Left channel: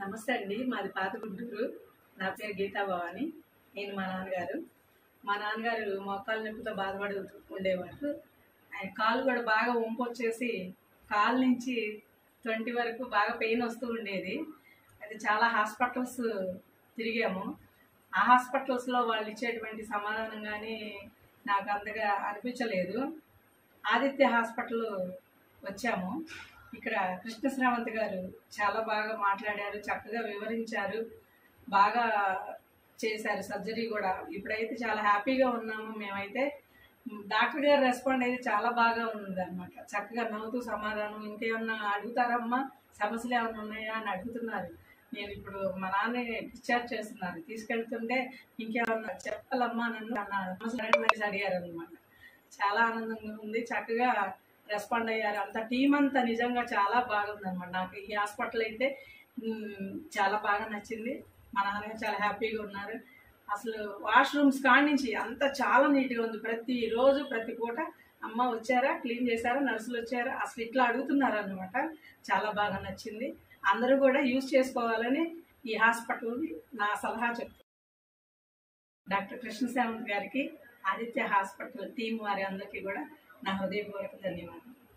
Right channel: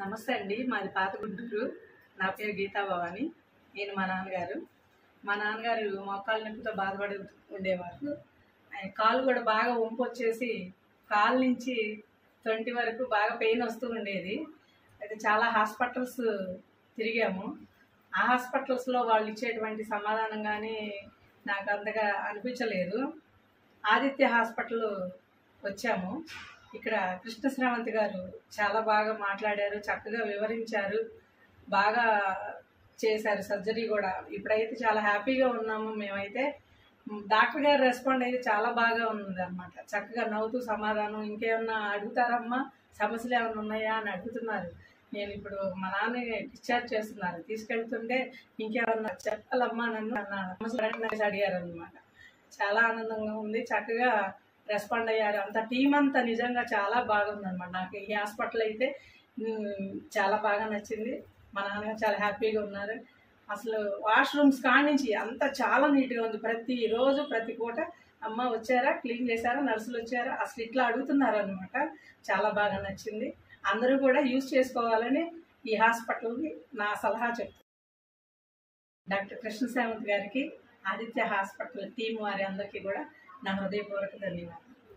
నమస్తే అండి. మాది పాత గుంటూరు. నా పేరు గీతా భవాని. నేను మా నాన్నగారు మోకాళ్ళ నొప్పితో బాధపడి ఉండేవారు. ఆయన కాలు కూడా బాగా వంపొచ్చేసి కాలు నుంచి 20 వరకు బాగా పెయిన్ వస్తూ ఉండేది. అయితే చాలా హాస్పిటల్స్ తిరిగాము. ఆ హాస్పిటల్స్లో వాళ్ళు ఇచ్చేటువంటి సమాధానం కానీ నాకు అంతగా అనిపించలేదు. ఆదిత్య హాస్పిటల్ వచ్చాము. ఇక్కడ కృష్ణ శ్రావంత్ గారు చాలా బాగా మాట్లాడారు, చక్కగా వివరించారు, బాగా చేశారు సర్జరీ కూడా. ఇప్పుడైతే చాలా హ్యాపీగా ఉన్నాము మేమైతే. డాక్టర్ గారు రెస్పాండ్ అయితే చాలా బాగా ఉందన్నమాట. చక్కగా నవ్వుతూ సమాధానం, ఇంకేమన్నా అడుగుతారమ్మా, సమస్యలు ఏమైనా ఉన్నాయా అని అడుగుతున్నారు. నేను ఇప్పుడు మా నాన్న డిశ్చార్జ్ చేస్తున్నారు, తీసుకెళ్తుంటే ఇంకేమన్నా చెప్పాలమ్మా నన్ను అన్న సమస్యలు అడిగారు అనమాట. చాలా ఆనందంగా ఉంది. చక్కగా రెస్పాండ్ అయ్యారు. అంత టీం అంతా నిజంగా చాలా బాగుందన్నమాట. నాకు ఈ హాస్పిటల్ అయితే చాలా బాగా నచ్చింది. మా నాన్నగారు చాలా హ్యాపీగా ఉన్నారు. అసలు వాష్రూమ్స్ కాడి నుంచి అంతా చాలా నీట్గా ఉంది. ప్రతిరోజు ప్రతి పూట అమ్మ వచ్చారా, క్లీన్ చేశారా, నర్సులు వచ్చారా, అసలు ఇట్లా అడుగుతున్నారు అనమాట. చాలా బాగా నచ్చింది. అందరూ కూడా యూజ్ చేసుకోవాలని ఈ హాస్పిటల్ని నా సలహా చెప్తాను. డాక్టర్ కృష్ణ శ్రావంత్ గారికి, ఆదిత్య హాస్పిటల్ టీం వారి అందరికీ కూడా నా హృదయపూర్వక ధన్యవాదాలు.